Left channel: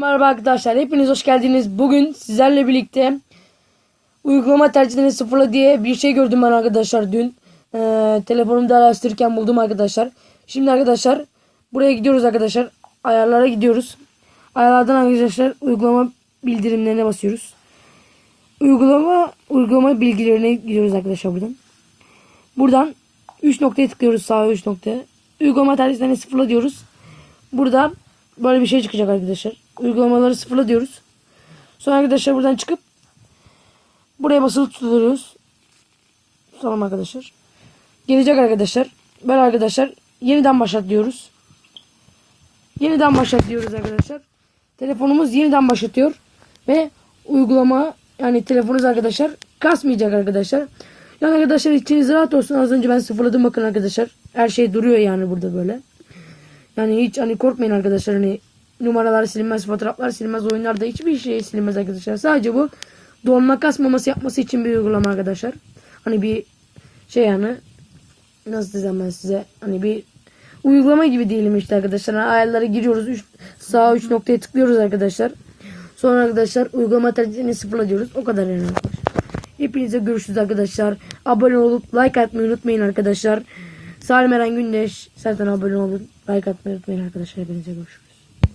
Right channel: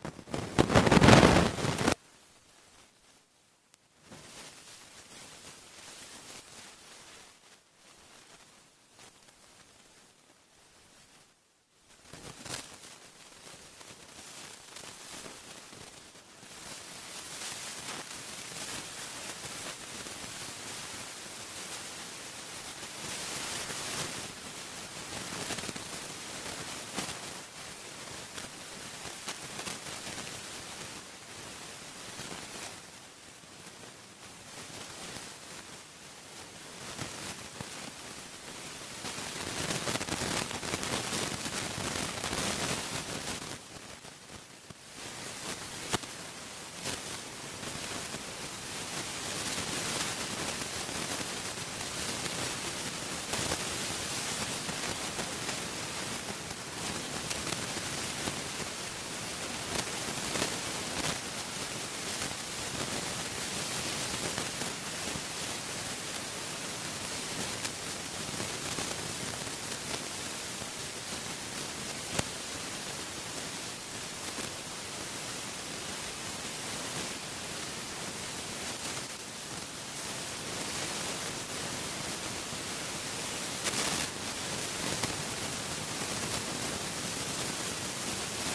Merhaba arkadaşlar, hepiniz hoş geldiniz. Bugün sizlerle birlikte uygulama tercihlerini sıfırla diye bir şey gördüm ben arkadaşlar dün. Ee, telefonumda araştırırken buldum arkadaşlar. Şimdi arkadaşlar buraya gidiyoruz arkadaşlar. Ayarlara gidiyoruz. Ayarlardan arkadaşlar uygulama bildirimlerine basıyoruz. Uygulama uygulama bilgilerine gidiyoruz arkadaşlar buradan. Buradan 3 noktaya tıklıyoruz sağa 3 noktaya. Uygulama tercihlerini sıfırla diyoruz. Burada böyle bir şey çıkacak arkadaşlar. Uygulamaları sıfırla diyoruz. Sonra arkadaşlar buradan çıkıp buraya basılı tutuyoruz. Tutalım arkadaşlar. Gelecek arkadaşlar. Böyle arkadaşlar yeniden başlat diyoruz. Yeniden başlat diyoruz arkadaşlar. Telefonumuz yeniden başlatıyor ve uygulama yani telefonunuz arkadaşlar kasmayacak arkadaşlar. Yani arkadaşlar içiniz rahat olsun. Az önce ben sıfırladım bakın arkadaşlar. Her şey duruyor yani burada böyle. Yani hiç hani korkmayın arkadaşlar hani numaralar silinmez, fotoğraflar silinmez, oyunlarda hiçbir şey silinmez arkadaşlar. Sadece bu donma kasmaması yapması için bir uygulama arkadaşlar. Hani bir şey yani nasıl diyeceğim ben size hani bir uygulama gibi diyelim işte arkadaşlar. Yani ayarlara giriyoruz. Üç, sağ üç noktaya tıklıyoruz arkadaşlar. Sonra arkadaşlar uygulama tercihini sıfırla diyoruz. O kadar yani. Hepinize görüşürüz arkadaşlar. Abone olup like atmayı unutmayın arkadaşlar. Salim Eren Gündeş zaten abone olup like atmayı unutmayın arkadaşlar.